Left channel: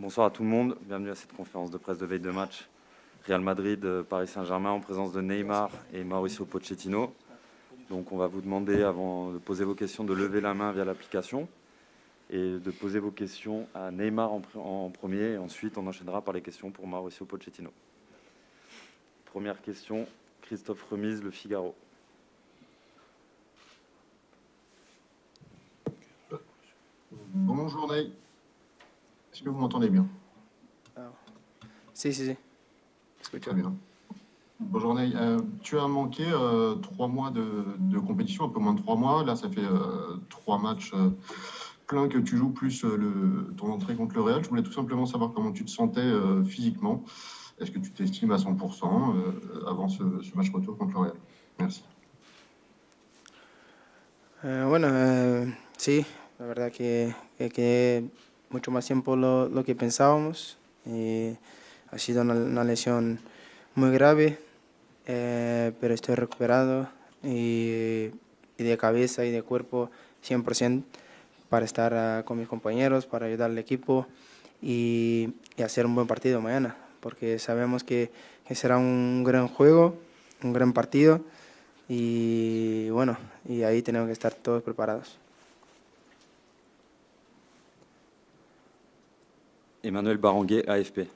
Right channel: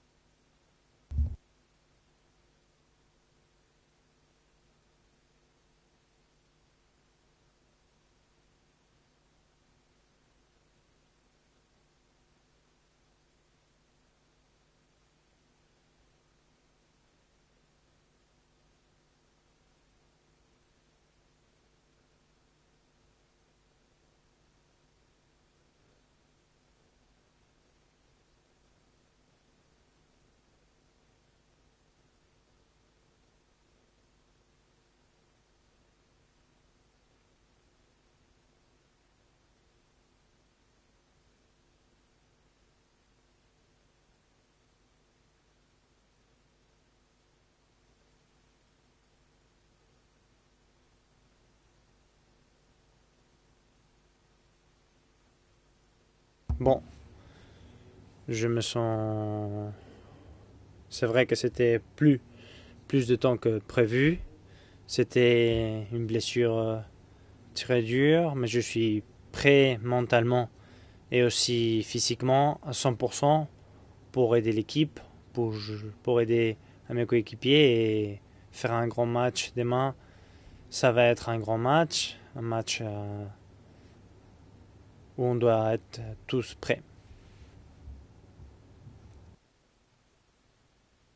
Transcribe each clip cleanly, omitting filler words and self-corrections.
Bonsoir à tout le monde, bienvenue à cette conférence de presse de veille de match Real Madrid, Paris Saint-Germain en présence de Neymar et Mauricio Pochettino. Donc on va vous demander, avant de poser vos questions, de lever la main via l'application et de poser vos questions à Neymar en premier, et ensuite on enchaînera par les questions pour Mauricio Pochettino. Première question, Christophe Remise, Le Figaro. Bonjour Ney, est-ce que vous m'entendez bien? Si. Très bien. Bonjour Ney, tu as manqué 3 mois de compétition, un peu moins de 3 mois. Là, ça fait 3 matchs pleins que tu joues, plus ton entrée contre le Real. Je voulais tout simplement savoir comment tu te sentais physiquement. Est-ce que tu t'estimes à 100% avant ce match retour contre le Real? Merci. Sí, la verdad que je me mucho más sens... tiempo lo que pensábamos. C'est vrai que c'était Ha sido una lesión plus de temps que muy prévu. grave, C'était pero une estoy blessure recuperado y très dure, mais je de suis cabeza y de prêt cuerpo mentalement 100% et aussi para estar con mis physiquement compañeros, para 100% ayudar al equipo pour aider l'équipe, y hacer un buen pour partido aider mañana. à mes Porque sabemos coéquipiers que et será faire un grand un match gran demain. juego, un gran Ça va partido être un grand match, un match y bueno, y ahí tenemos que estar todos preparados. où on doit être tous prêts. Emmanuel Baranguet, AFP.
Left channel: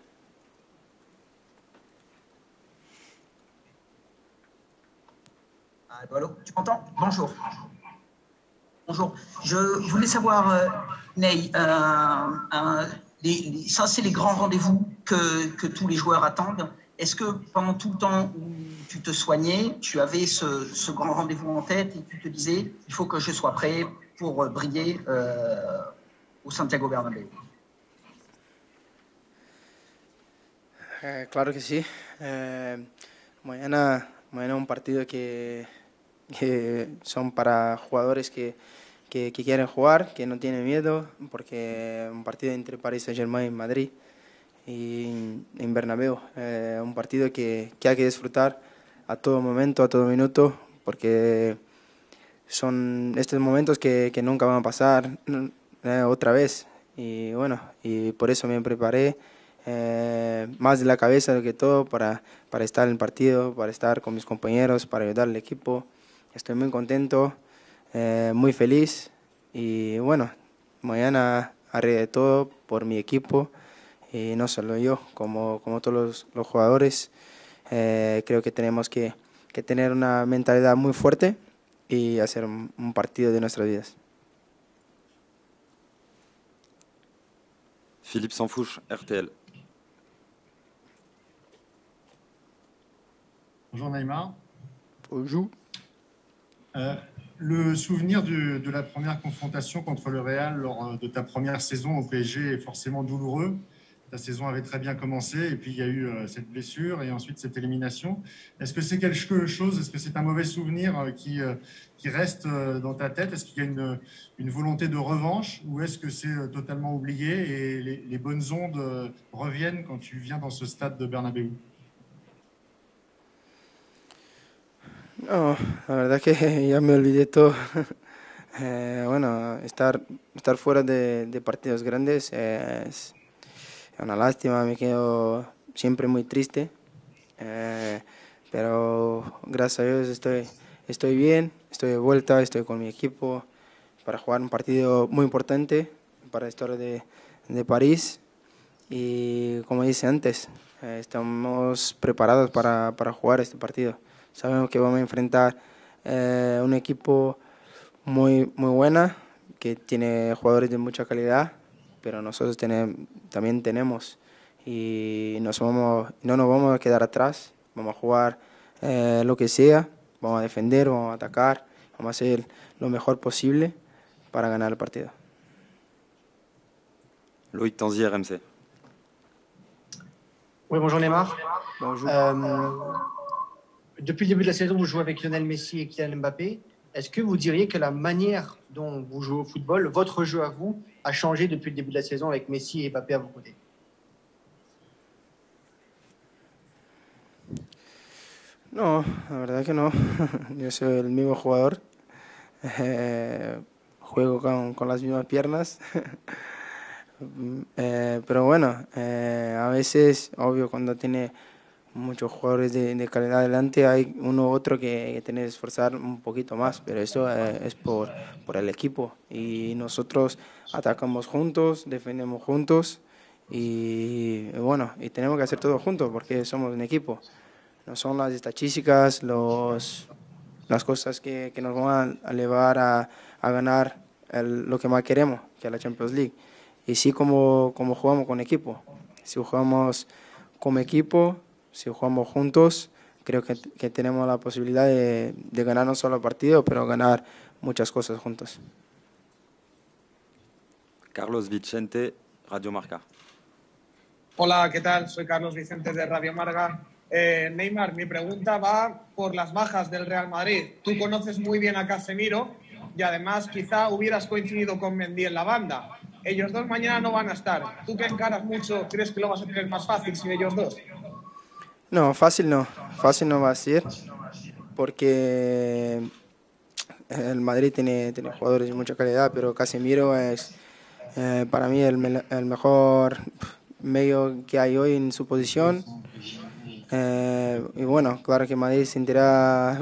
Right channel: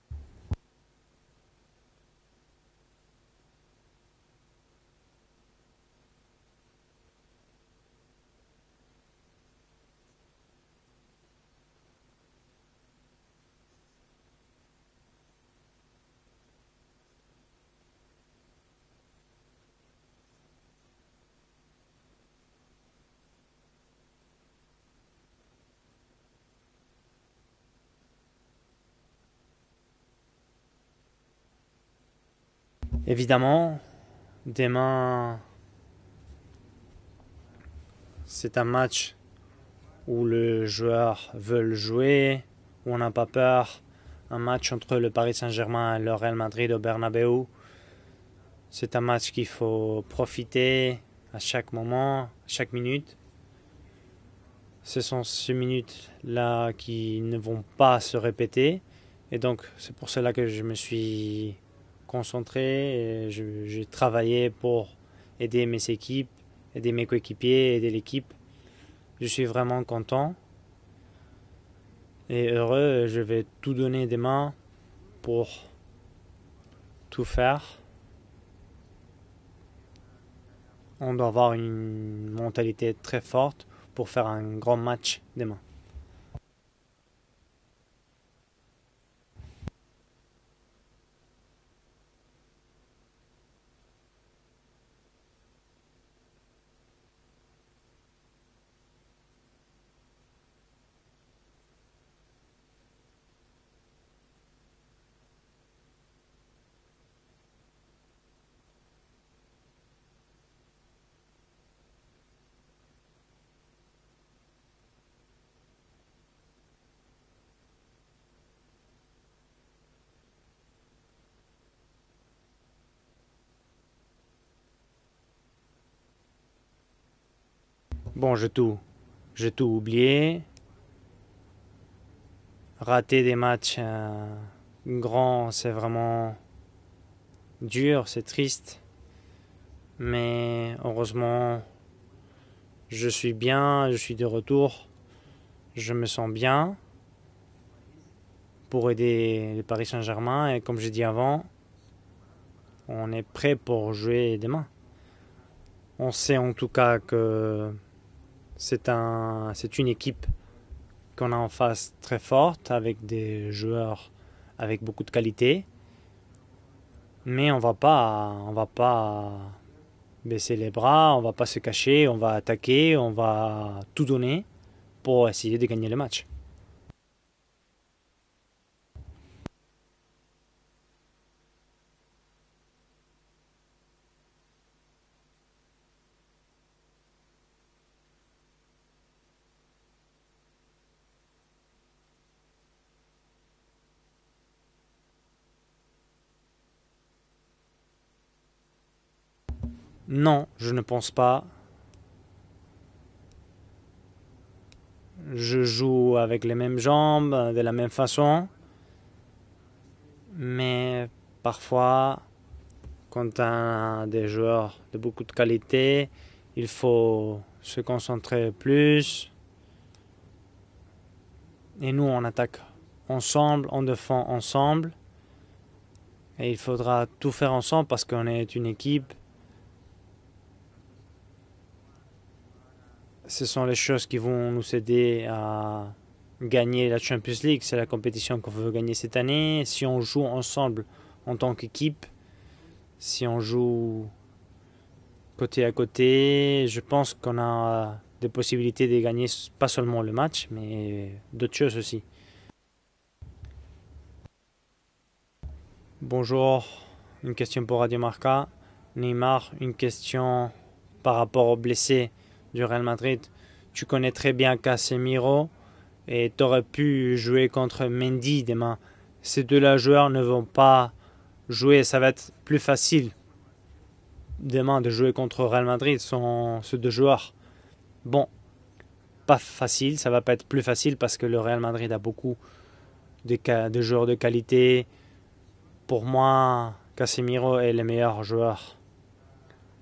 Allô, tu m'entends? Bonjour. Bonjour. Je voulais savoir, Ney, ça c'est les grands rendez-vous que tous les joueurs attendent. Est-ce que pendant tout le temps où tu te soignais, tu avais ce grand rendez-vous en tête et tu te disais, il faut que je sois prêt pour briller au Santiago Bernabéu? Claro que sí. Évidemment, Mañana un demain, partido que son para jugadores c'est un match que quieren jugar, où que no tienen les miedo, joueurs porque veulent un jouer, partido entre on Paris n'a pas Saint-Germain y peur. Madrid. Un match entre le Paris Saint-Germain et le Real Madrid au Un partido Bernabéu. que hay que disfrutar C'est un a match todo qu'il momento, a faut todo minuto, profiter à porque chaque moment, chaque son minute. estos momentos que nunca van a pasar Ce sont ces minutes otra vez. qui Y ne bueno, vont pas y se por eso me répéter. preparé Et donc, c'est pour cela que je me más de la cabeza suis que todo para concentré. estar en el partido, para J'ai estar con mis travaillé compañeros, pour para ayudar al aider equipo. mes équipes, Estoy muy aider mes contento, coéquipiers, aider l'équipe. muy feliz. Je suis vraiment Y content bueno, mañana haré de todo et por mi heureux. Je vais equipo. tout donner Y demain, no solo yo, pour como todos los jugadores. tout faire. Creo que tenemos que tener una mentalidad muy On doit fuerte avoir une y hacer mentalité un très partido de forte nuestras vidas. pour faire un grand match demain. Philippe Sansfouche, RTL. Bonjour Neymar. Bonjour. Le souvenir de la première confrontation contre le Real lors de ta première saison au PSG est forcément douloureux. Ta saison avait très bien commencé et puis il y a eu cette blessure et ensuite cette élimination. Est-ce que c'est quelque chose, est-ce que c'est un mauvais souvenir qui reste dans ta tête? Est-ce qu'il y a une volonté de revanche ou est-ce que c'est totalement oublié et les bonnes ondes reviennent quand tu viens dans ce stade de Bernabéu? No, la verdad que ya me olvidé todo. Bon, j'ai tout oublié. Estar fuera de partidos grandes Rater des matchs una lástima, me quedo grands, c'est siempre muy vraiment triste. dur, c'est triste. Pero gracias a Dios Mais estoy bien, heureusement, estoy de vuelta, estoy con mi je suis equipo bien, je suis para de jugar un retour. partido muy importante Je me sens para bien la historia de París. pour aider Y le como Paris dije antes, Saint-Germain. Et comme j'ai dit avant, estamos preparados para on est jugar prêt este partido. pour jouer demain. Sabemos que vamos a enfrentar On sait en tout un cas equipo que muy buena, que c'est une équipe tiene jugadores de mucha qu'on a en calidad, face très pero nosotros forte, avec des también joueurs tenemos avec beaucoup de y qualité. no nos vamos a quedar atrás, Mais on vamos a jugar va pas lo que sea, vamos a baisser les defender, bras, vamos on a va pas se atacar cacher, on vamos a va hacer attaquer, lo on mejor va posible tout donner para ganar el partido. pour essayer de gagner le match. Loïc Tanzi, RMC. Oui, bonjour Neymar. Bonjour. Depuis le début de la saison, vous jouez avec Lionel Messi et Kylian Mbappé. Est-ce que vous diriez que la manière dont vous jouez au football, votre jeu à vous, a changé depuis le début de la saison avec Messi et Mbappé à vos côtés? No, la verdad que no. Non, Yo je ne soy pense el mismo pas. jugador. juego con las mismas Je piernas. joue avec les mêmes jambes, de la même Pero façon, bueno, a veces, obvio, cuando mais tiene parfois, muchos jugadores de quand calidad delante, hay des uno u joueurs otro de que beaucoup de tiene que esforzar qualité, un poquito il más, pero eso faut es se por concentrer el equipo. plus. Y nosotros atacamos juntos, Et nous, on defendemos attaque juntos. ensemble, on défend ensemble. Bueno, y tenemos que hacer todo juntos porque Et il somos un faudra equipo. tout faire ensemble No parce son qu'on las est une équipe. estadísticas, las cosas que nos van a llevar a Ce sont les ganar choses qui vont lo nous que más aider queremos, à que es la Champions League. gagner Y la sí, Champions League. C'est la como jugamos compétition con qu'on veut equipo. gagner cette Si année. Si on jugamos joue como ensemble equipo, en tant si qu'équipe, jugamos juntos, si on creo joue que tenemos la posibilidad de côté à ganar no solo el côté, partido, je pero pense ganar qu'on a muchas cosas des juntos. possibilités de gagner pas seulement le match, mais Carlos d'autres choses aussi. Vicente, Radio Marca. Hola, ¿qué tal? Soy Carlos Vicente de Radio Bonjour. Marca. Une question pour Radio mi Marca. pregunta va Neymar, por las une bajas del question Real Madrid. Tú par conoces rapport muy aux bien a blessés Casemiro du Real y Madrid. además quizá Tu connais hubieras très bien coincidido con Mendy en Casemiro la banda. et Ellos tu aurais dos pu mañana no van a jouer estar. contre ¿Tú te Mendy encaras demain. mucho? ¿Crees que lo vas a Ces tener deux-là más joueurs fácil ne sin vont ellos pas jouer, ça va No, être fácil plus no, facile fácil no va a ser. demain de jouer contre Real Madrid. Sont ces deux joueurs. El Madrid tiene Bon, jugadores de mucha calidad, Pas pero facile, ça Casemiro va pas être es plus facile parce que le Real para mí Madrid a beaucoup el mejor de joueurs de medio que hay qualité. hoy en su posición. Pour moi, Casemiro est Y le bueno, meilleur claro joueur. que Madrid sentirá,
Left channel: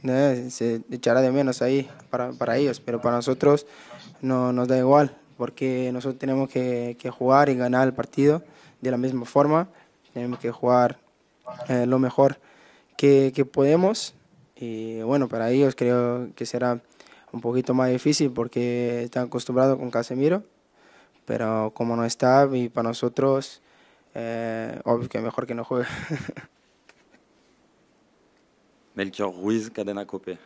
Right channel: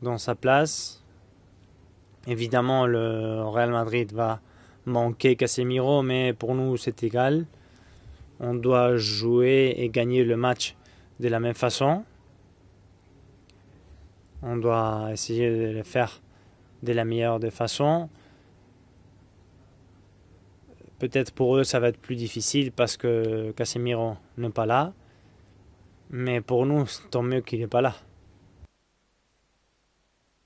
Dans sa place. se echará de menos ahí para ellos, Évidemment, pero le para nosotros Real Madrid va no nos da igual, manquer porque Casemiro, nosotros mais tenemos pour nous, que c'est jugar égal. y ganar el partido On de doit la misma forma, jouer et gagner le tenemos que match jugar de la même lo façon. mejor que podemos. On Y doit bueno, para essayer ellos de le faire creo que será de la meilleure un des poquito más façons. difícil porque están acostumbrados con Casemiro. Peut-être pour Pero eux, ça va como être no plus está, difficile para parce que nosotros, Casemiro n'est pas là. Obvio que mejor que no juegue. Mais pour nous, tant mieux qu'il n'est pas là. Melchior Ruiz, Cadena Cope.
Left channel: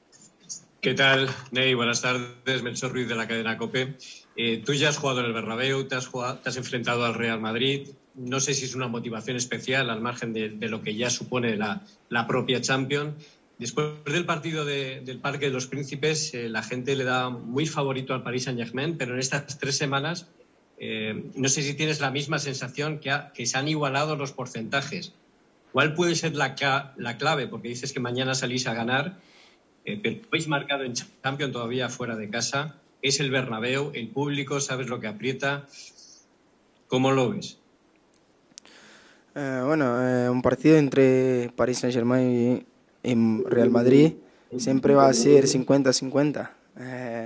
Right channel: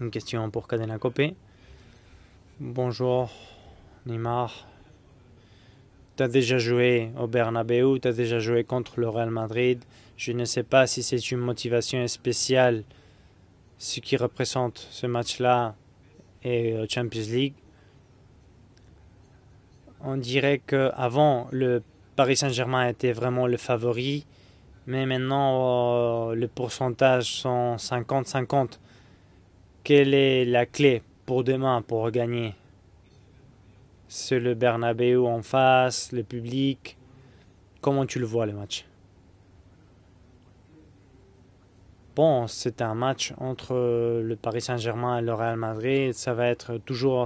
Une question pour ¿Qué Cadena tal, Cope. Ney? Buenas tardes, Melchor Ruiz de Bonjour. la cadena COPE. Neymar, Tú ya has jugado en el Bernabéu, te has tu as jugado, te has déjà joué enfrentado al au Real Madrid. Bernabéu, tu as déjà No sé joué si es una contre le Real motivación Madrid. especial al Je margen ne de sais lo pas que si ya c'est une supone motivation la propia spéciale. Champions. Después Ce qui del partido représente del ce Parque de match-là los Príncipes, la et gente le da Champions League. muy favorito al Paris Saint-Germain, pero en estas 3 semanas On dirait qu'avant, no sé si le tienes la misma Paris Saint-Germain sensación était vraiment que se le han igualado favori. los porcentajes. Mais maintenant, ¿Cuál puede ser les la pourcentages clave? Porque sont dices que mañana salís a 50-50. ganar. Quelle est Podéis la marcar clé el pour Champions demain todavía pour fuera de gagner? casa. Es el Bernabéu, el C'est le público sabe lo que Bernabéu en aprieta. face, le public. ¿Cómo lo ves? Comment tu le vois, le match? Bueno, un partido entre Paris Saint-Germain Bon, y c'est un match entre Real Madrid. le Paris Siempre va Saint-Germain a et le ser Real Madrid. 50-50. Ça va être toujours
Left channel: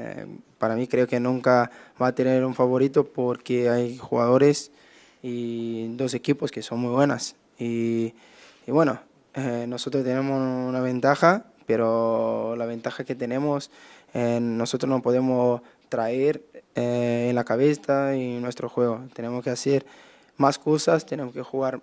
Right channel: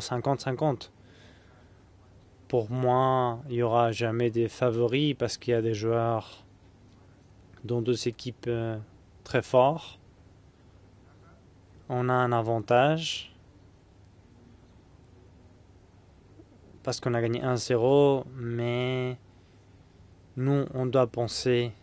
Para mí 50-50. creo que nunca va a tener un Pour favorito moi, il porque n'y aura hay jamais de jugadores favoris parce qu'il y a des y joueurs, dos equipos que son muy buenas. dont deux Y équipes bueno, très fortes. nosotros tenemos una ventaja, pero On a un la ventaja avantage. que tenemos, nosotros no podemos traer Parce qu'on a en la gagné 1-0, cabeza y nuestro juego. mais Tenemos que hacer más nous, on cosas, doit tenemos que penser jugar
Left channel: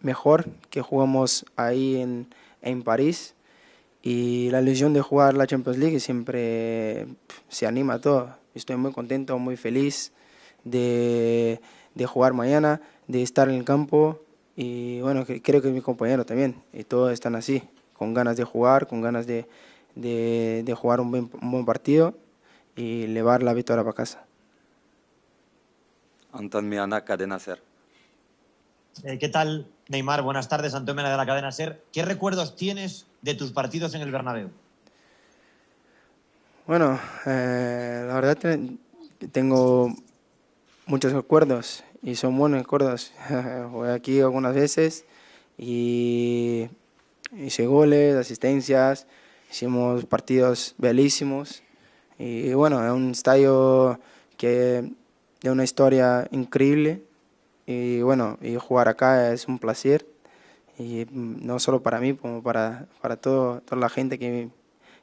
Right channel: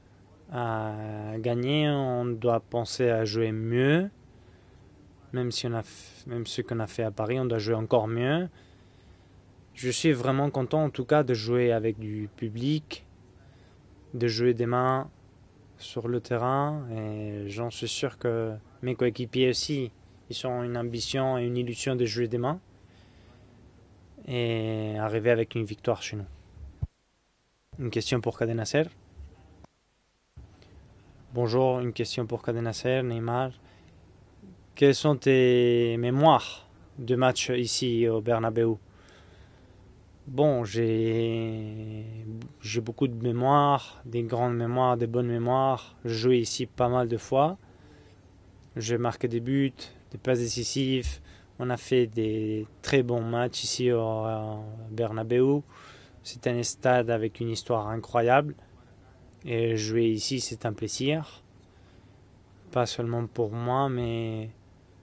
mejor que à jugamos ahí gagner, on doit en penser à París. jouer mieux. Y la ilusión de jugar la Même si on Champions a League fait ce qu'on a fait siempre à Paris, on doit se jouer anima a encore todo. mieux. Estoy muy contento, muy Je feliz suis vraiment content en tout cas de jouer avec de du jugar mañana, public, de estar en el campo. de jouer Y demain bueno, creo que mis sur le compañeros también, terrain. y todos Et están así, j'en suis sûr con ganas de que jugar, mes con ganas coéquipiers aussi, ils ont de une jugar ambition et un une buen illusion de partido jouer demain y llevar la victoria para casa. et arriver avec une victoire chez nous. Anton Meana, Cadena Ser. Une question pour Cadena Ser. ¿Qué tal, Neymar? Buenas tardes, Antón Mena de la cadena Bonjour, SER. une ¿Qué question recuerdos pour Cadena tienes Ser, de Neymar. tus partidos en el Bernabéu? Quelles sont tes mémoires Bueno, de match ici la au verdad Bernabéu? tengo Bon, j'ai muchos recuerdos y son buenos j'ai recuerdos. beaucoup de mémoires, Voy aquí de algunas grandes mémoires, veces, de bonnes mémoires. y- J'ai joué ici pas mal de fois. hice goles, J'ai asistencias, marqué des buts, hicimos passes partidos décisives. bellísimos, On a fait des y bueno, es très un bons estadio matchs ici au que Bernabéu. de una historia C'est un increíble. stade avec une histoire Y bueno, incroyable. y jugar acá es un Et placer. jouer ici, c'est un Y plaisir. no solo para mí, como Pas para seulement toda pour moi, la gente mais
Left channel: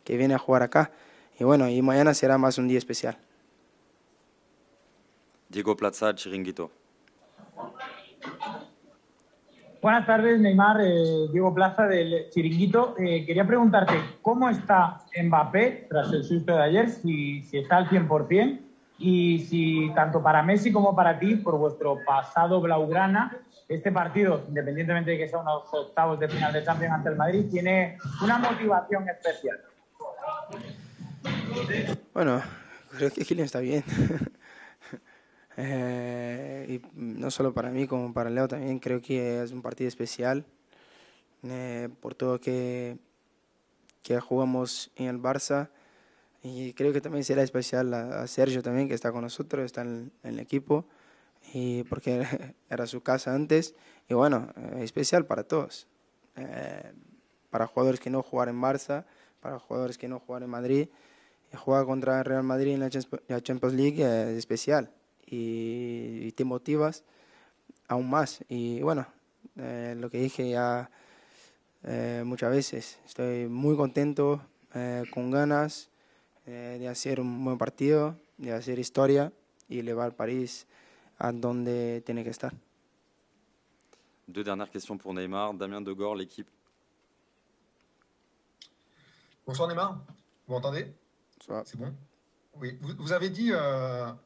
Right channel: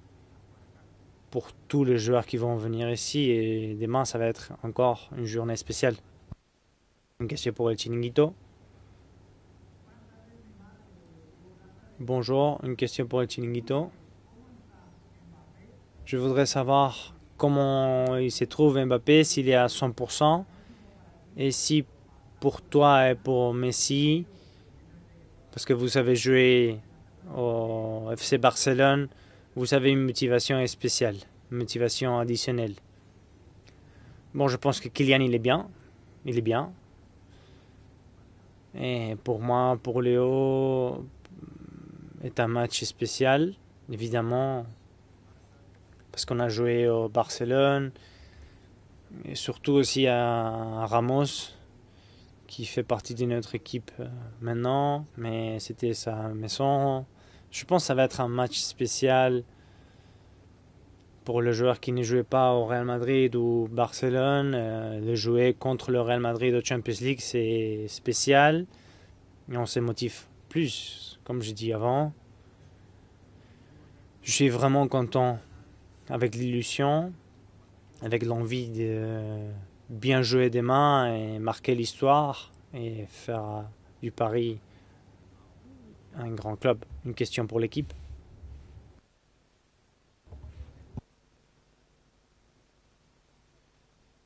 que viene a jugar acá. pour Y bueno, tous y les mañana joueurs será qui más vont un día venir especial. ici. Et demain, ça va être encore une journée Diego spéciale. Plaza, Chiringuito. Une question pour el Chiringuito. Buenas tardes, Neymar, Diego Plaza del Bonjour, Chiringuito. une question pour el Quería Chiringuito. preguntarte cómo está Mbappé tras Je el voudrais susto de savoir ayer, si comment está al il se 100%, trouve Mbappé, y s'il est à si tanto para 100%. Messi como para ti, Et por si vuestro pasado pour toi et blaugrana, pour ese Messi, partido, independientemente de que sea unos parce que vous octavos avez de final de joué Champions ante el Madrid, tiene au FC una Barcelone, motivación especial. vous avez une motivation spéciale, une motivation Bueno, additionnelle. creo que Kylian está bien. Bon, je pense que Kylian, il est bien. Il est bien. Y no solo para mí, como para Leo también. Creo Et que pour es un moi, partido pour especial. Léo, Por todo c'est un match que spécial, que évidemment, jugamos en el Barça. parce qu'on a Y joué creo que au también será especial Barcelone, a Sergio también, que está con et nosotros, surtout está aussi en el equipo, à Ramos, y porque qui fait era su partie de casa notre antes, équipe y bueno, maintenant, especial para mais todos. c'était sa maison. Je Para pense que ça jugadores va que être no un juegan match en Barça, spécial para jugadores que no juegan en Madrid, pour le joueur jugar qui ne contra jouait el Real pas au Madrid Real en la Madrid ou Champions League es Barcelone. especial. De jouer contre le Real Y te Madrid au Champions motivas League, c'est aún más. spécial. Y bueno, Et on se lo motive que dije ya plus, comme je dis avant. muchas veces. Estoy muy contento, Je suis vraiment con content ganas avec de l'illusion, hacer un buen partido, avec de l'envie hacer de historia y elevar bien al jouer país demain a et donde marquer tiene que l'histoire estar. et faire du Deux Paris dernières questions pour Neymar. Damien Degord, un l'équipe. grand club. Une question pour l'équipe. Bonsoir Neymar, vous m'entendez? C'est bon? Oui, vous avez dit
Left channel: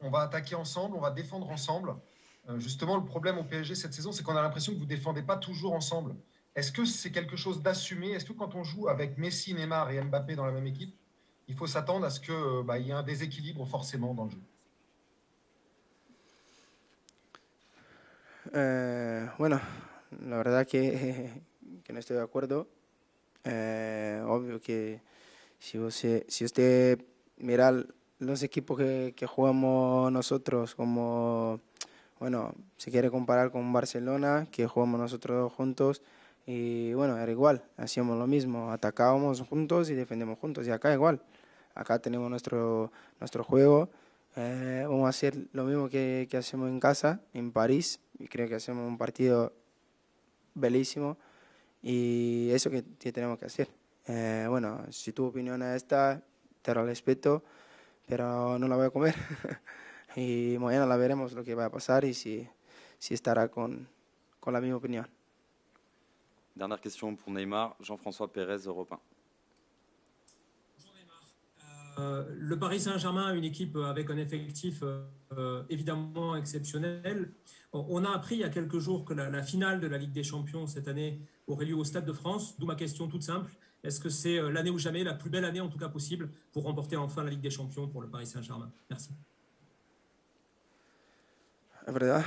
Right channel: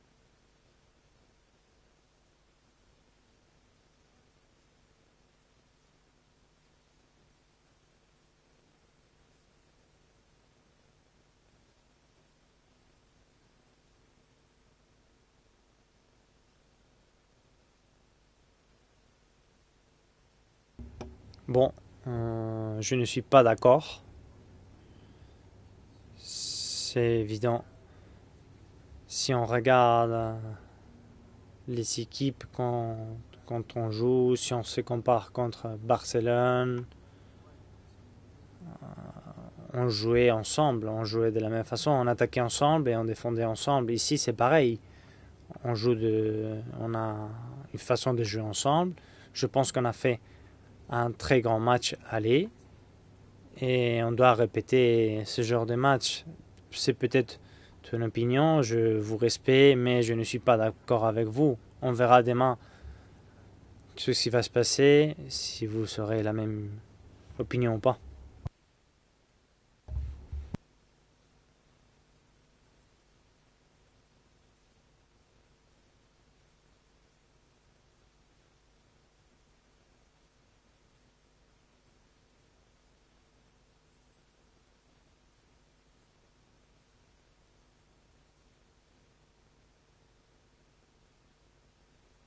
on va attaquer ensemble, on va défendre ensemble. Justement, le problème au PSG cette saison, c'est qu'on a l'impression que vous ne défendez pas toujours ensemble. Est-ce que c'est quelque chose d'assumé? Est-ce que quand on joue avec Messi, Neymar et Mbappé dans la même équipe, il faut s'attendre à ce qu'il y ait un déséquilibre forcément dans le jeu? Bueno, la verdad Bon, que no estoy de acuerdo. je ne suis pas d'accord. Obvio que si C'est usted évident. mira los equipos que Si on jugamos regarde nosotros, como les équipes, bueno, si quiere comparar quand con on Barcelona, joue, si on que se jugamos compare nosotros contre juntos, Barcelone, y bueno, era igual, hacíamos lo mismo, atacábamos juntos on y jouait defendíamos juntos, y ensemble, acá on igual. jouait de la même façon, Acá on tenemos attaquait nuestro- ensemble et on défendait nuestro juego. ensemble. Ici, c'est pareil. Vamos a hacer lo On mismo joue que hacemos en on casa, a en une París. façon de y jouer creo que hacemos ensemble. un partido Je pense qu'on a fait un bellísimo. très grand match Y aller eso que tenemos que hacer. et on doit Bueno, répéter si tu ce opinión genre de es match. esta, te lo C'est peut-être respeto, ton pero opinion, no je la voy a vous comer. respecte, mais je ne suis Y pas mañana d'accord la avec veremos lo vous. que va a On pasar y verra si- demain si estará con ce qui va se con la misma passer, si vous serez la même Dernière question pour opinion Neymar. ou pas. Jean-François Pérez, Europe 1. Le Paris Saint-Germain a une équipe avec un effectif évidemment exceptionnel. On a appris il y a quelques jours que la finale de la Ligue des Champions cette année aurait lieu au Stade de France, d'où ma question toute simple. Est-ce que c'est l'année ou jamais, la plus belle année en tout cas possible, pour remporter enfin la Ligue des Champions pour le Paris Saint-Germain? Merci. Es verdad.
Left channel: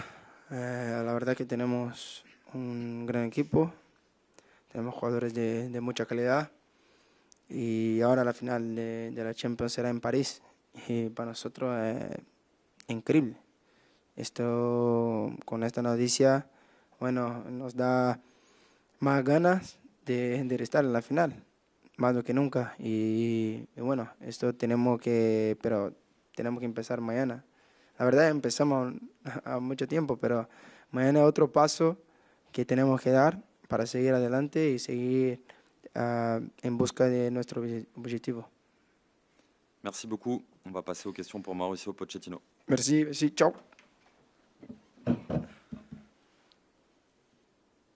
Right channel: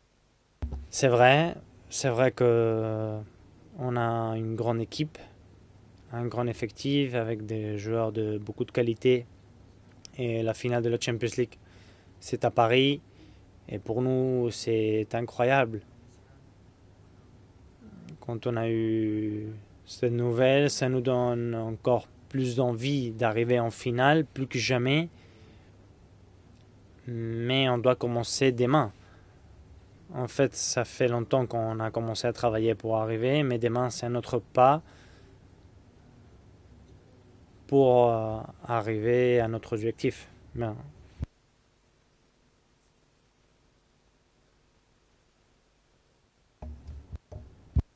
C'est la verdad vrai, que tenemos c'est vrai un que gran equipo, on a une grande tenemos équipe, jugadores de mucha un calidad. grand effectif avec des Y joueurs ahora de la final beaucoup de de qualité. la Champions será en París. Et la finale de la Y para Champions League, nosotros c'est à Paris. increíble. Et pour nous, Esto, c'est con incroyable. esta noticia, bueno, nos da Quand on a eu más ganas cette de nouvelle, estar ça en nous la final, donne encore más do que plus nunca. d'envie Y d'arriver en bueno, finale, esto plus que tenemos jamais. pero tenemos que empezar mañana. Mais on doit La verdad commencer empezamos demain. a mucho tiempo, En pero fait, ça fait mañana longtemps otro qu'on a paso commencé à que travailler pour tenemos que dar arriver, mais demain, para c'est seguir notre adelante pas y seguir en busca de nuestro pour objetivo. arriver à notre Merci objectif. beaucoup. Bien. On va passer aux questions pour Mauricio Pochettino. Merci, ciao.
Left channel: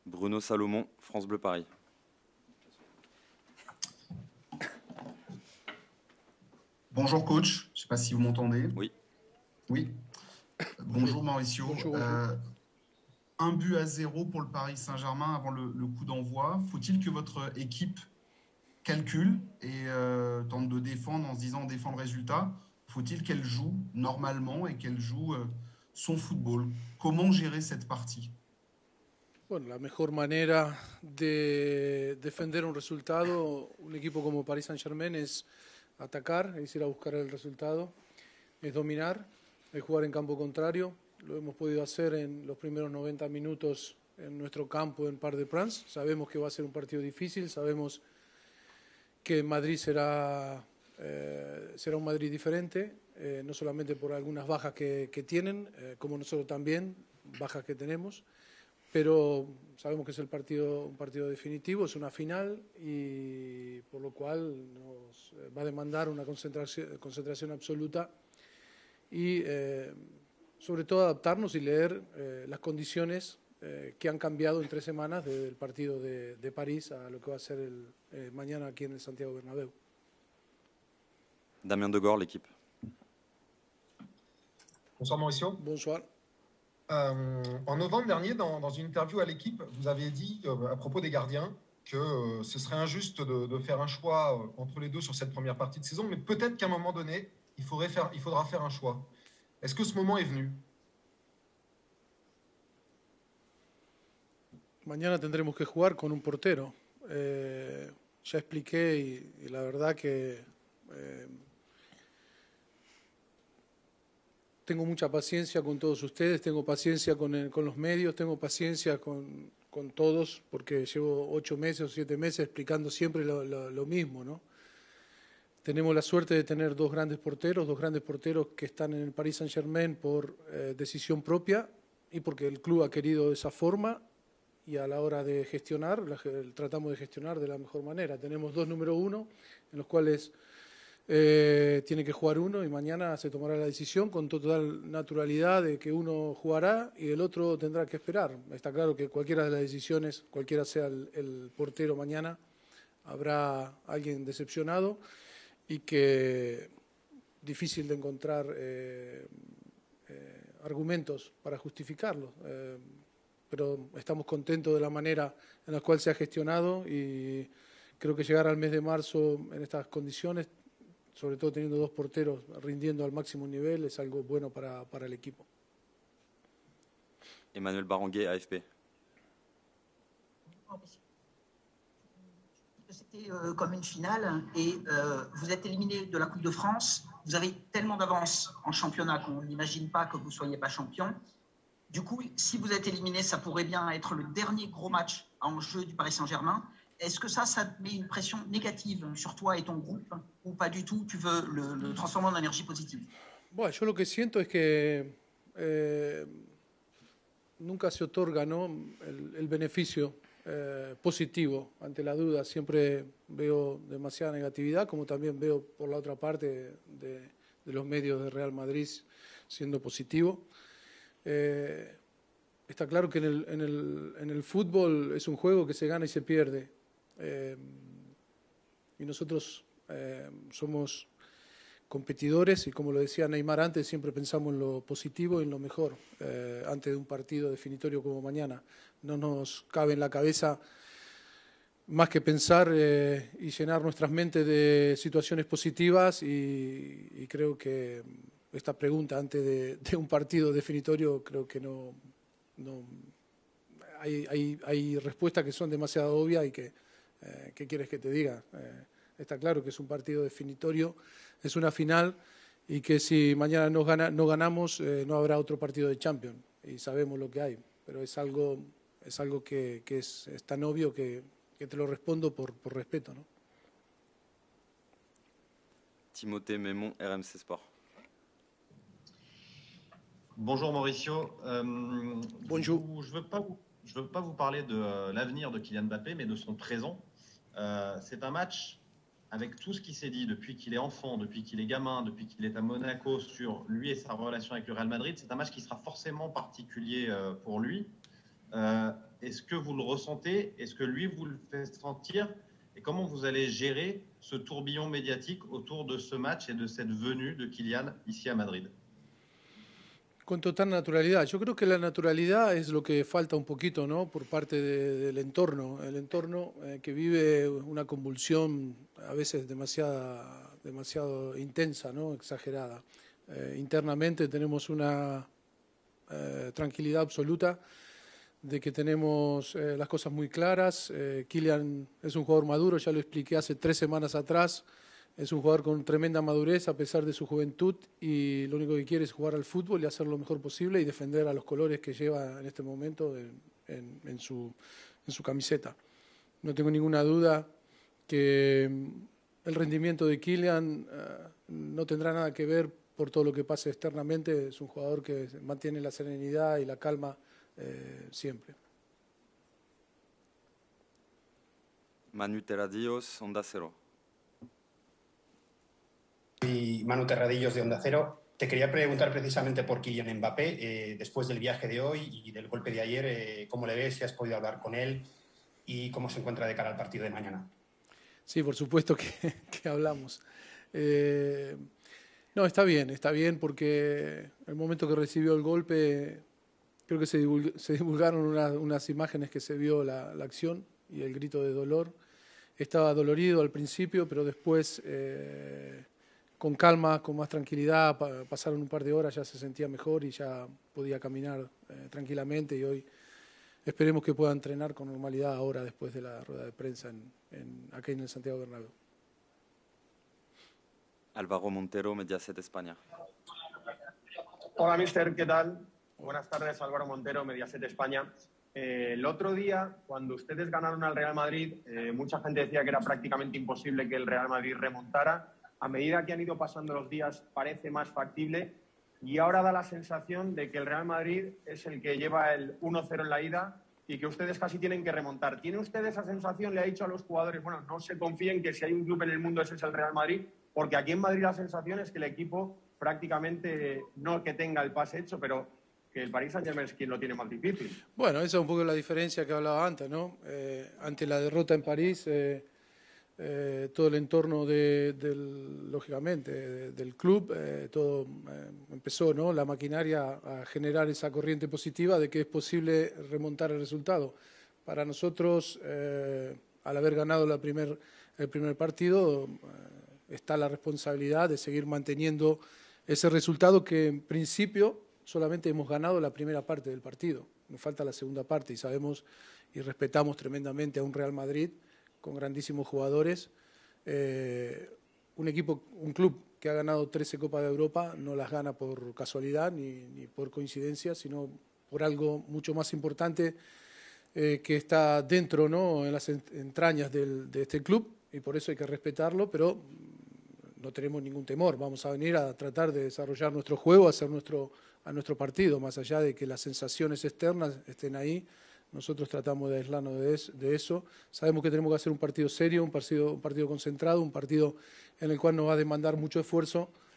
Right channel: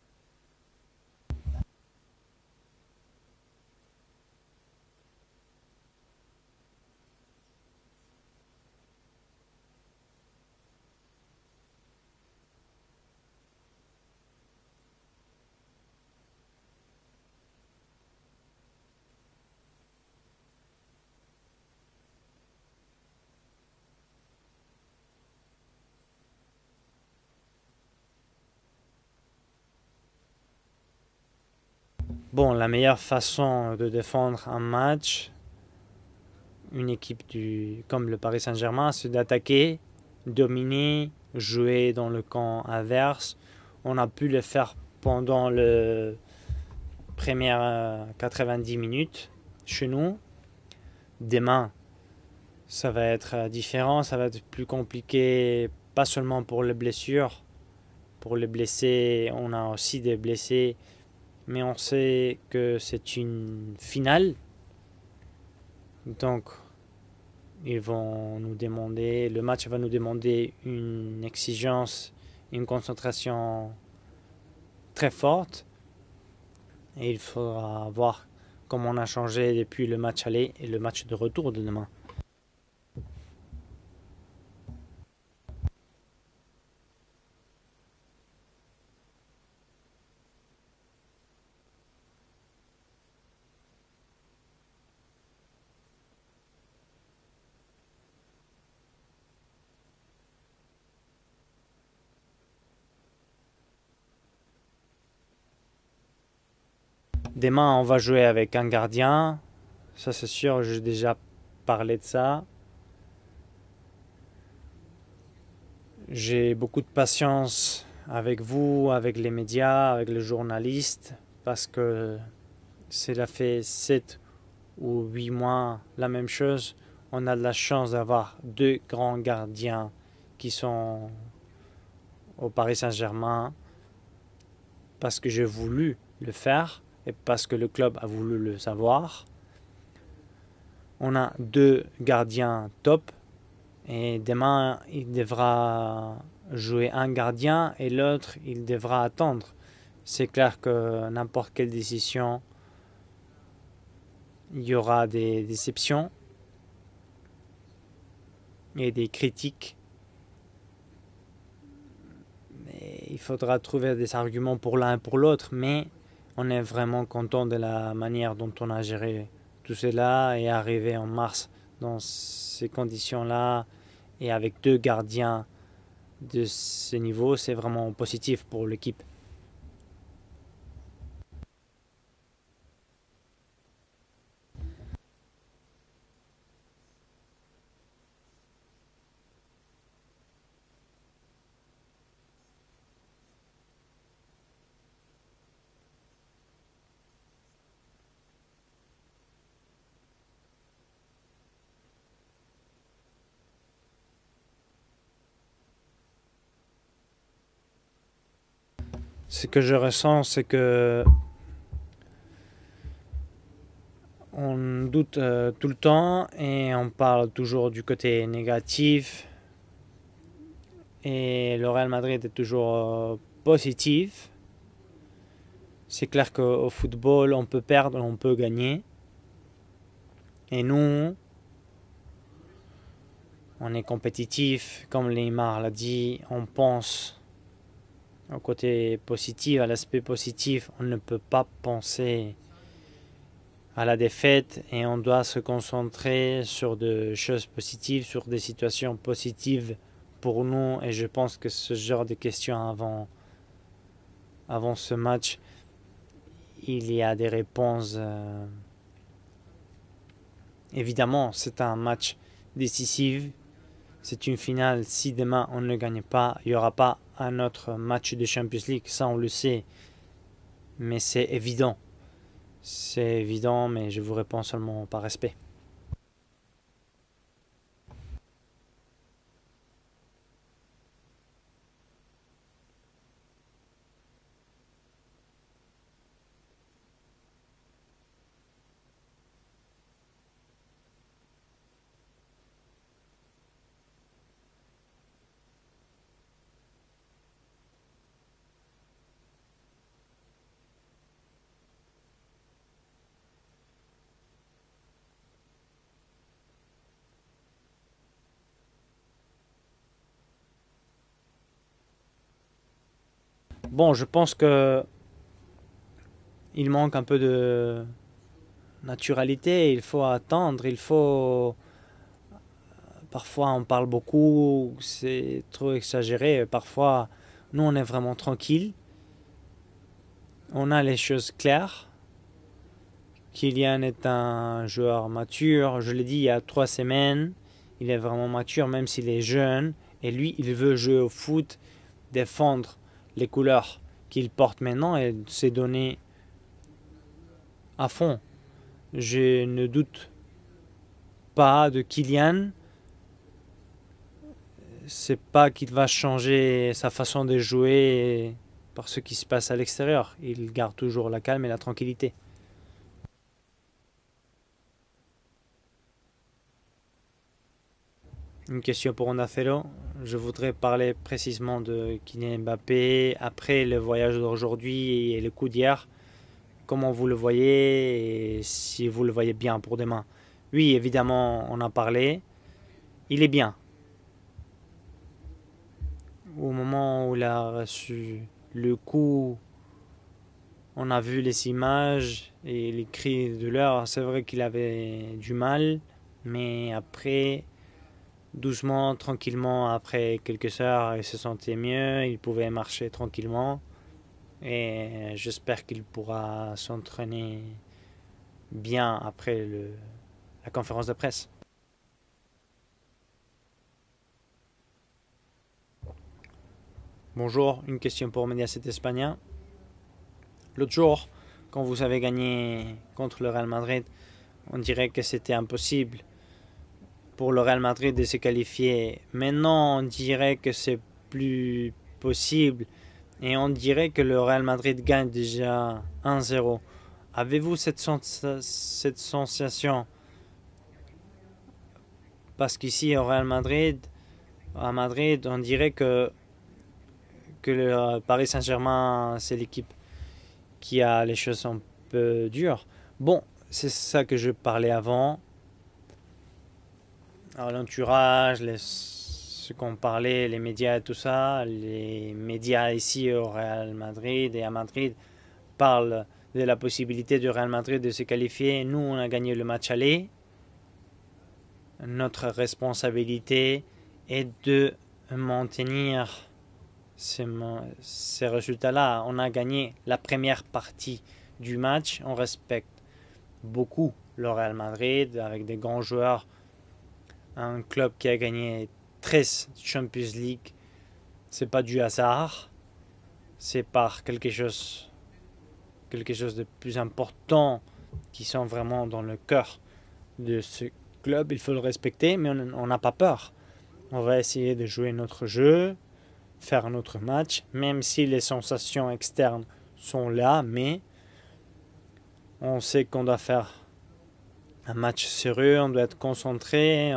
Bruno Salomon, France Bleu Paris. Bonjour coach, je ne sais pas si vous m'entendez. Oui. Oui. Bonjour Mauricio. Bonjour. 1-0 pour le Paris Saint-Germain avant le coup d'envoi. Faut-il que votre équipe calcule et tente de défendre en se disant on défend le résultat? Faut-il qu'elle joue normalement et qu'elle joue son football? Comment gérer cette partie? Bon, la meilleure façon de défendre un match, une équipe comme le Paris Saint-Germain, c'est d'attaquer, dominer, jouer dans le camp adverse. On a pu le faire pendant les premières 90 minutes chez nous. Demain, ça va être différent, ça va être plus compliqué, pas seulement pour les blessures. Pour les blessés, on a aussi des blessés, mais on sait que c'est une finale. Donc, ils vont nous demander, le match va nous demander une exigence, une concentration très forte. Et il faudra voir comment on a changé depuis le match aller et le match de retour de demain. Damien Degord, l'équipe. Bonsoir Mauricio. Bonsoir. En novembre dernier, dans une interview à l'équipe, vous avez dit à propos des gardiens que ce serait injuste de faire un choix entre les deux sur cette première partie de saison, mais peut-être qu'à un moment donné, il faudra faire un choix. Est-ce que ce moment est venu? Demain, on va jouer avec un gardien. Ça, c'est sûr, j'ai déjà parler de ça. J'ai beaucoup de patience avec vous, avec les médias, avec les journalistes, parce que cela fait 7 ou 8 mois la même chose. On a la chance d'avoir 2 grands gardiens qui sont au Paris Saint-Germain parce que j'ai voulu le faire et parce que le club a voulu le savoir. On a 2 gardiens top et demain il devra jouer un gardien et l'autre il devra attendre. C'est clair que n'importe quelle décision, il y aura des déceptions et des critiques. Il faudra trouver des arguments pour l'un et pour l'autre, mais on est vraiment content de la manière dont on a géré tout cela et arrivé en mars dans ces conditions-là et avec 2 gardiens de ce niveau, c'est vraiment positif pour l'équipe. C'était comme une finale et vous êtes éliminé de la Coupe de France. Vous avez tellement d'avance en championnat qu'on n'imagine pas que vous ne soyez pas champion. Du coup, si vous êtes éliminé, ça pourrait bien être le dernier gros match en jeu du Paris Saint-Germain. Est-ce que ça met une pression négative sur toi et ton groupe ou pas du tout? Tu veux le transformer en énergie positive? Bueno, yo lo que siento es que nunca se otorga, ¿no? Ce que je ressens, c'est que on doute tout le temps et on parle toujours du côté négatif. Et le Real Madrid est toujours positif. C'est clair qu'au football, on peut perdre, on peut gagner. Et nous, on est compétitif, comme Neymar l'a dit, on pense au côté positif, à l'aspect positif. On ne peut pas penser à la défaite et on doit se concentrer sur des choses positives, sur des situations positives pour nous. Et je pense que ce genre de questions avant ce match, il y a des réponses. Évidemment, c'est un match décisif, c'est une finale. Si demain on ne gagne pas, il n'y aura pas un autre match de Champions League, ça on le sait. Mais c'est évident, mais je vous réponds seulement par respect. Timothée Mémon, RMC Sport. Bonjour Mauricio. Bonjour. Je veux pas vous parler de l'avenir de Kylian Mbappé, mais de son présent. C'est un match avec tout ce qui s'est dit depuis qu'il est enfant, depuis qu'il est gamin, depuis qu'il est à Monaco sur lui et sa relation avec le Real Madrid, c'est un match qui sera forcément particulier pour lui. Est-ce que vous le ressentez? Est-ce que lui vous le fait sentir? Et comment vous allez gérer ce tourbillon médiatique autour de ce match et de cette venue de Kylian ici à Madrid? Con total naturalidad. Yo creo que la naturalidad es lo que falta un poquito. Bon, je pense que il manque un peu de naturalité. Il faut attendre. Il faut. Parfois, on parle beaucoup. C'est trop exagéré. Parfois, nous, on est vraiment tranquille. On a les choses claires. Kylian est un joueur mature. Je l'ai dit il y a 3 semaines. Il est vraiment mature, même s'il est jeune. Et lui, il veut jouer au foot, défendre les couleurs qu'il porte maintenant et s'est donné à fond. Je ne doute pas de Kylian. C'est pas qu'il va changer sa façon de jouer par ce qui se passe à l'extérieur. Il garde toujours la calme et la tranquillité. Manu Terradillos, Onda Cero. Manu Terradillos de Onda Cero. Une question pour Onda Cero. Je voudrais parler précisément de Kylian Mbappé après le voyage d'aujourd'hui et le coup d'hier. Comment vous le voyez et si vous le voyez bien pour demain? Oui, évidemment, on en parlait. Il est bien. Au moment où il a reçu le coup, on a vu les images et les cris de douleur. C'est vrai qu'il avait du mal. Mais après, doucement, tranquillement, après quelques heures, il se sentait mieux, il pouvait marcher tranquillement. Et j'espère qu'il pourra s'entraîner bien après la conférence de presse. Alvaro Montero, Mediaset España. Hola, mister, ¿qué tal? Buenas tardes, Álvaro Montero. Bonjour, une question pour Mediaset España. L'autre jour, quand vous avez gagné contre le Real Madrid, on dirait que c'était impossible pour le Real Madrid de se qualifier. Maintenant, on dirait que c'est plus possible et on dirait que le Real Madrid gagne déjà 1-0. Avez-vous cette sensation? Parce qu'ici, au Real Madrid, à Madrid, on dirait que le Paris Saint-Germain, c'est l'équipe qui a les choses un peu dures. Bon, c'est ça que je parlais avant. L'entourage, ce qu'on parlait, les médias, tout ça, les médias ici au Real Madrid et à Madrid parlent de la possibilité du Real Madrid de se qualifier. Nous, on a gagné le match aller. Notre responsabilité est de maintenir ces résultats-là. On a gagné la première partie du match. On respecte beaucoup le Real Madrid, avec des grands joueurs. Un club qui a gagné 13 Champions League. Ce n'est pas du hasard. C'est par quelque chose de plus important qui sont vraiment dans le cœur de ce club. Il faut le respecter, mais on n'a pas peur. On va essayer de jouer notre jeu, faire notre match, même si les sensations externes sont là, mais on sait qu'on doit faire un match sérieux, on doit être concentré,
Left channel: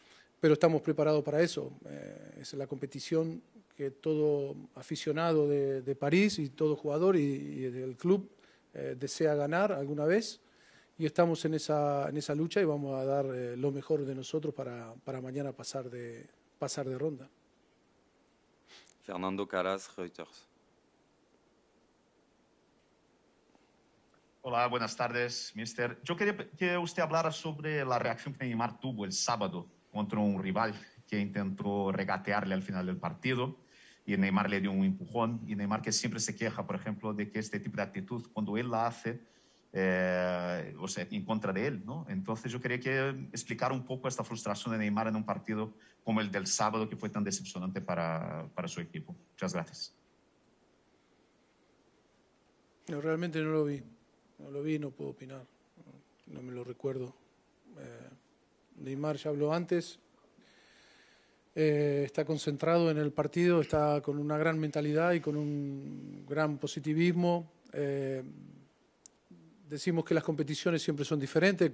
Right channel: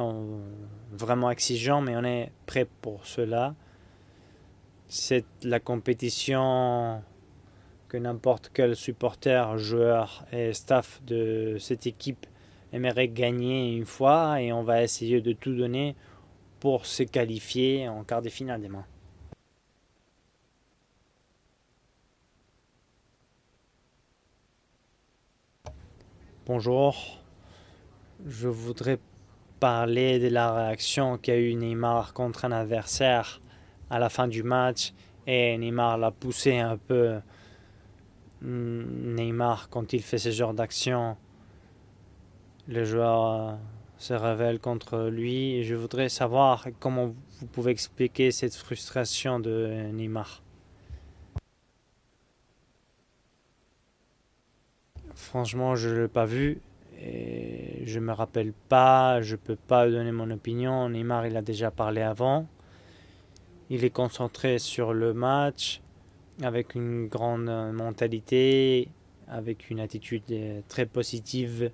vraiment exigeant, mais on est prêt pour cela. C'est la compétition que n'importe quel supporter, joueur et staff de cette équipe aimerait gagner une fois et on va essayer de tout donner pour se qualifier en quart de finale demain. Fernando Calas, Reuters. Hola, buenas tardes, mister. Bonjour. Je voudrais parler de la réaction qu'a eu Neymar contre un adversaire à la fin du match et Neymar l'a poussé un peu. Neymar, quand il fait ce genre d'action, le joueur se révèle contre lui. Je voudrais savoir comment vous pouvez expliquer cette frustration de Neymar. Franchement, je ne l'ai pas vu et je ne me rappelle pas, je ne peux pas donner mon opinion. Neymar, il a déjà parlé avant. Il est concentré sur le match avec une grande mentalité, avec une attitude très positive.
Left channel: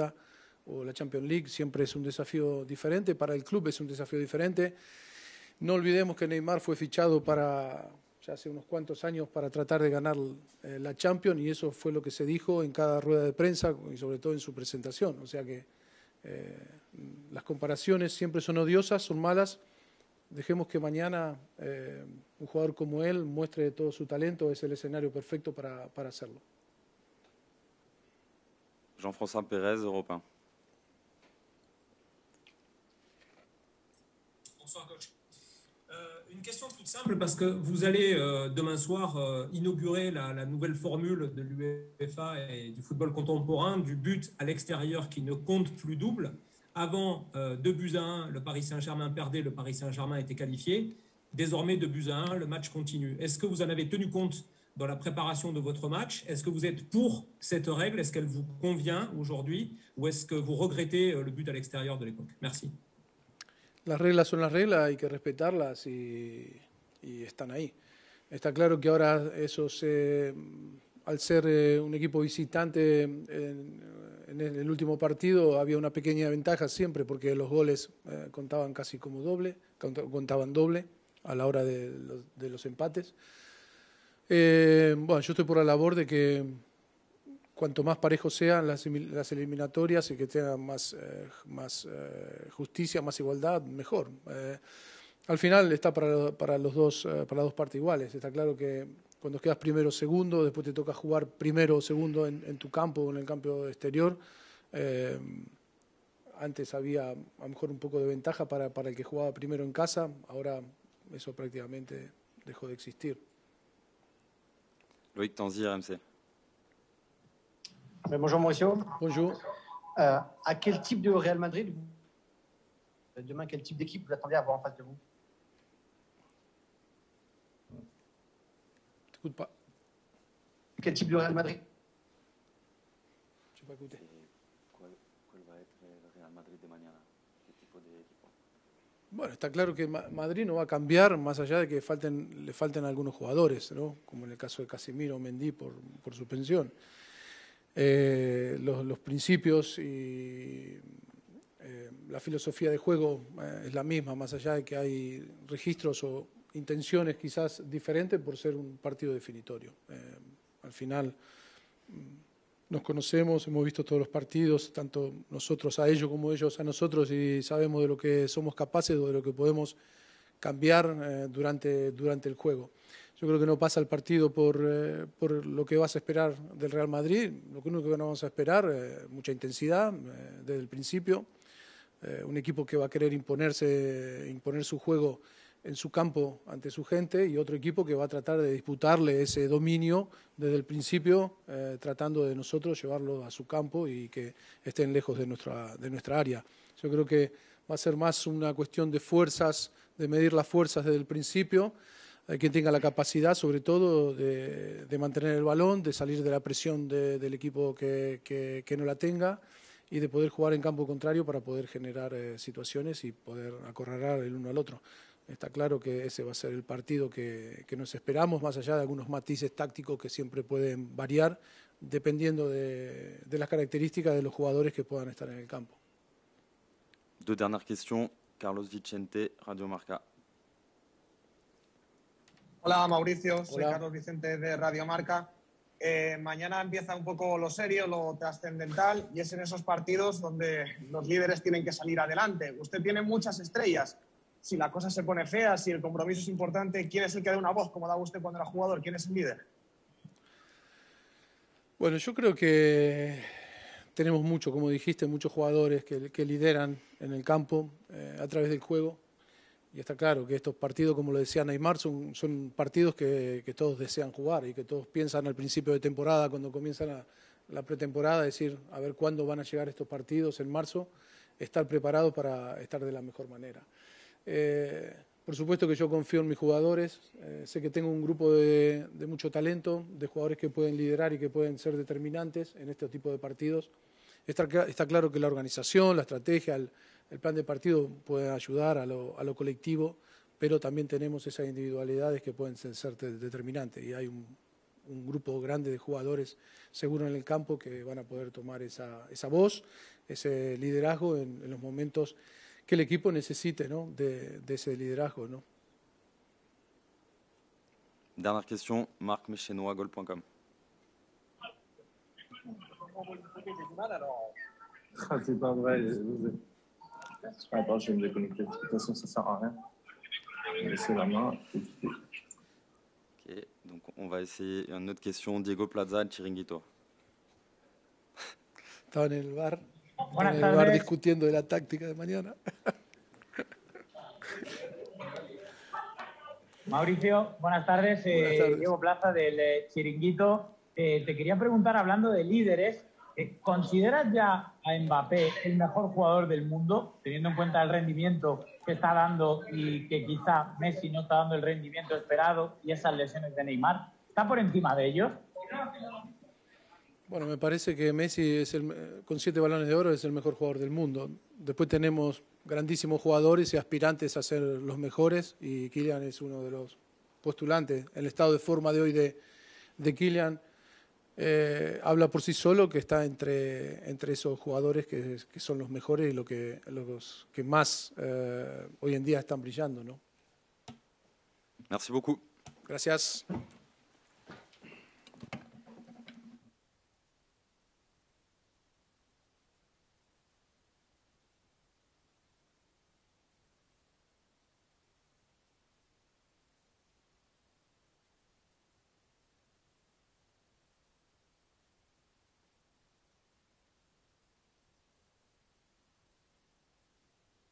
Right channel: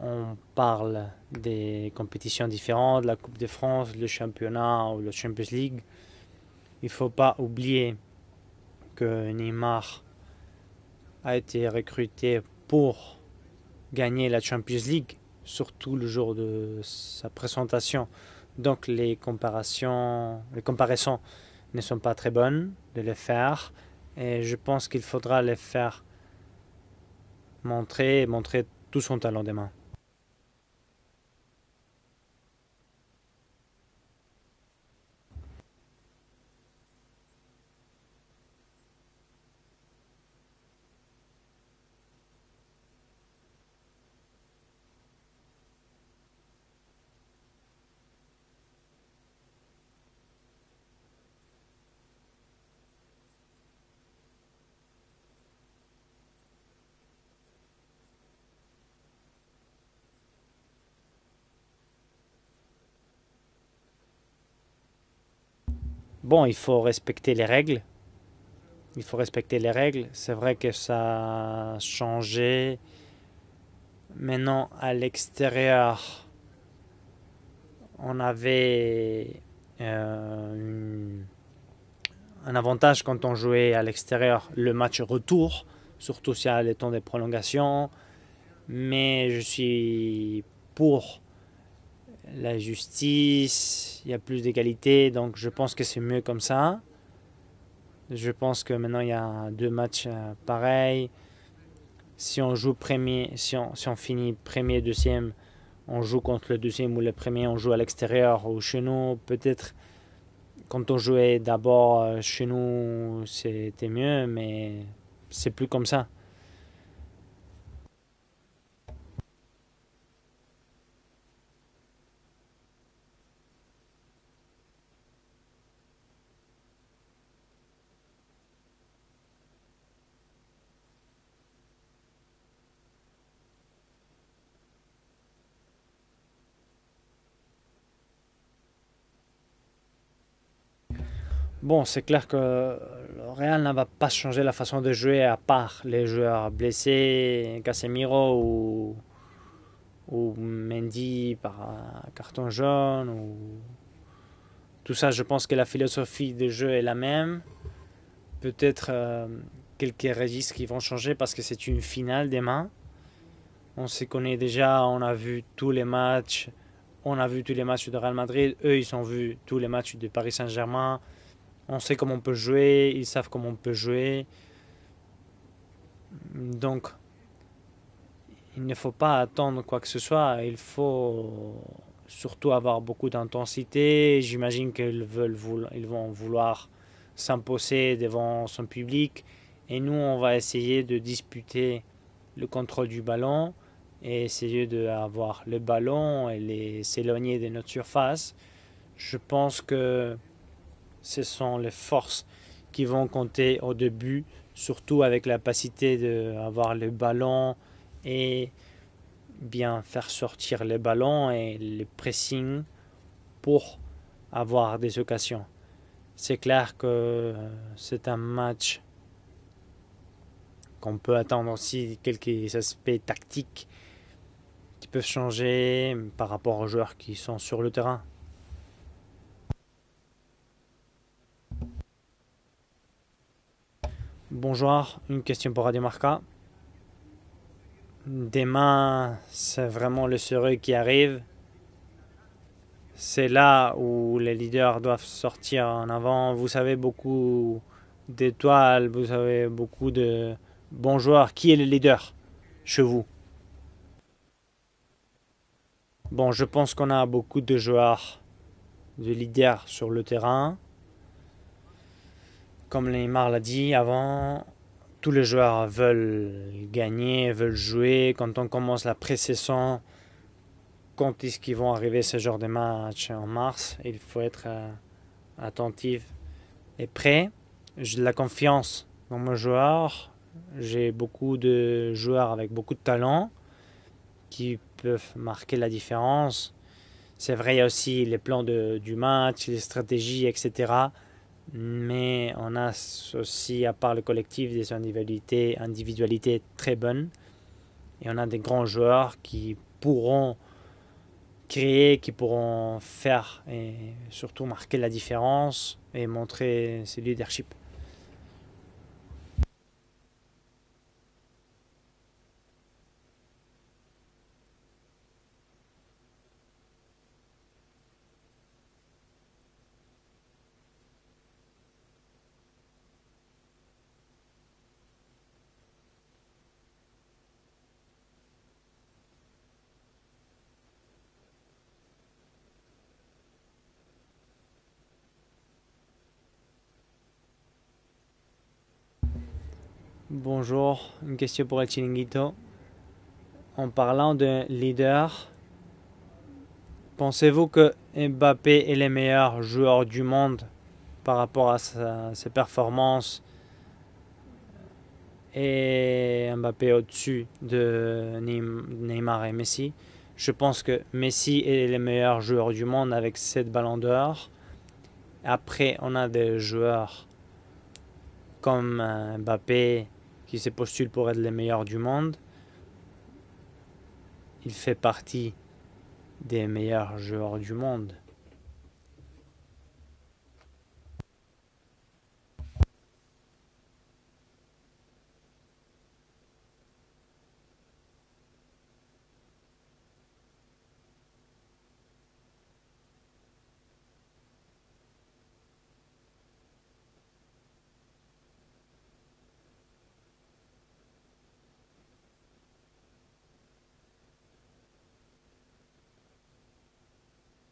On parle des compétitions différentes, la Coupe de France, le championnat ou le Champions League. Il ne faut pas oublier que Neymar a été recruté pour gagner la Champions League, surtout le jour de sa présentation. Donc les comparaisons ne sont pas très bonnes de les faire et je pense qu'il faudra les faire montrer tout son talent demain. Simple parce que vous allez demain soir inaugurer la nouvelle formule de l'UEFA et du football contemporain, du but à l'extérieur qui ne compte plus double. Avant 2-1, le Paris Saint-Germain perdait, le Paris Saint-Germain était qualifié. Désormais 2-1, le match continue. Est-ce que vous en avez tenu compte dans la préparation de votre match? Est-ce que vous êtes pour cette règle? Est-ce qu'elle vous convient aujourd'hui? Ou est-ce que vous regrettez le but à l'extérieur de l'époque? Merci. Bon, il faut respecter les règles. Il faut respecter les règles. C'est vrai que ça a changé. Maintenant, à l'extérieur, on avait un avantage quand on jouait à l'extérieur le match retour, surtout si à le temps de prolongation. Mais je suis pour la justice, il y a plus d'égalité, donc je pense que c'est mieux comme ça. Je pense que maintenant il y a deux matchs pareils. Si on joue si on finit premier, deuxième, on joue contre le deuxième ou le premier, on joue à l'extérieur ou chez nous. Peut-être quand on jouait d'abord chez nous, c'était mieux, mais c'est plus comme ça. Bonjour, monsieur. Bonjour. À quel type de Real Madrid, demain, quel type d'équipe vous attendez à avoir en face de vous? T'écoutes pas. Quel type de Real Madrid? Je n'ai pas écouté. Bon, c'est clair que Real ne va pas changer la façon de jouer à part les joueurs blessés, Casemiro ou Mendy par carton jaune. Tout ça, je pense que la philosophie de jeu est la même. Peut-être quelques registres qui vont changer parce que c'est une finale demain. On se connaît déjà, on a vu tous les matchs. On a vu tous les matchs de Real Madrid. Eux, ils ont vu tous les matchs de Paris Saint-Germain. On sait comment on peut jouer, ils savent comment on peut jouer. Donc, il ne faut pas attendre quoi que ce soit. Il faut surtout avoir beaucoup d'intensité. J'imagine qu'ils vont vouloir s'imposer devant son public. Et nous, on va essayer de disputer le contrôle du ballon et essayer d'avoir le ballon et s'éloigner de notre surface. Je pense que ce sont les forces qui vont compter au début, surtout avec la capacité d'avoir le ballon et bien faire sortir le ballon et le pressing pour avoir des occasions. C'est clair que c'est un match qu'on peut attendre aussi quelques aspects tactiques qui peuvent changer par rapport aux joueurs qui sont sur le terrain. Carlos Vicente, Radio Marca. Hola Mauricio, soy Carlos Vicente de Bonjour, Radio Marca. une question pour Radio Marca. Mañana empieza un poco lo serio, lo Demain, c'est vraiment le sérieux qui arrive. C'est là où les leaders doivent sortir en avant. Vous avez beaucoup d'étoiles, vous avez beaucoup de bons joueurs. Qui est le leader chez vous? Bon, je pense qu'on a beaucoup de joueurs, de leaders sur le terrain. Comme Neymar l'a dit avant, tous les joueurs veulent gagner, veulent jouer. Quand on commence la pré-saison, quand est-ce qu'ils vont arriver ce genre de match en mars? Il faut être attentif et prêt. J'ai de la confiance dans mes joueurs. J'ai beaucoup de joueurs avec beaucoup de talent qui peuvent marquer la différence. C'est vrai aussi les plans du match, les stratégies, etc. Mais on a aussi, à part le collectif, des individualités très bonnes. Et on a des grands joueurs qui pourront créer, qui pourront faire et surtout marquer la différence et montrer ce leadership. Dernière question, Marc Méchenois, Goal.com. C'est pas vrai. Attends, je vais me déconnecter. De toute façon, ça sert à rien. Je vais laisser la main. Ok, donc on va essayer une autre question. Diego Plaza, Chiringuito. Estaba en el bar discutiendo de la táctica de mañana. Mauricio, buenas tardes. Diego Plaza del Chiringuito. Bonjour, une question pour el Chiringuito. En parlant de leader, pensez-vous que Mbappé est le meilleur joueur du monde par rapport à ses performances et Mbappé au-dessus de Neymar et Messi? Je pense que Messi est le meilleur joueur du monde avec 7 ballons d'or. Après, on a des joueurs comme Mbappé qui se postule pour être le meilleur du monde. Il fait partie des meilleurs joueurs du monde. Merci beaucoup. Gracias.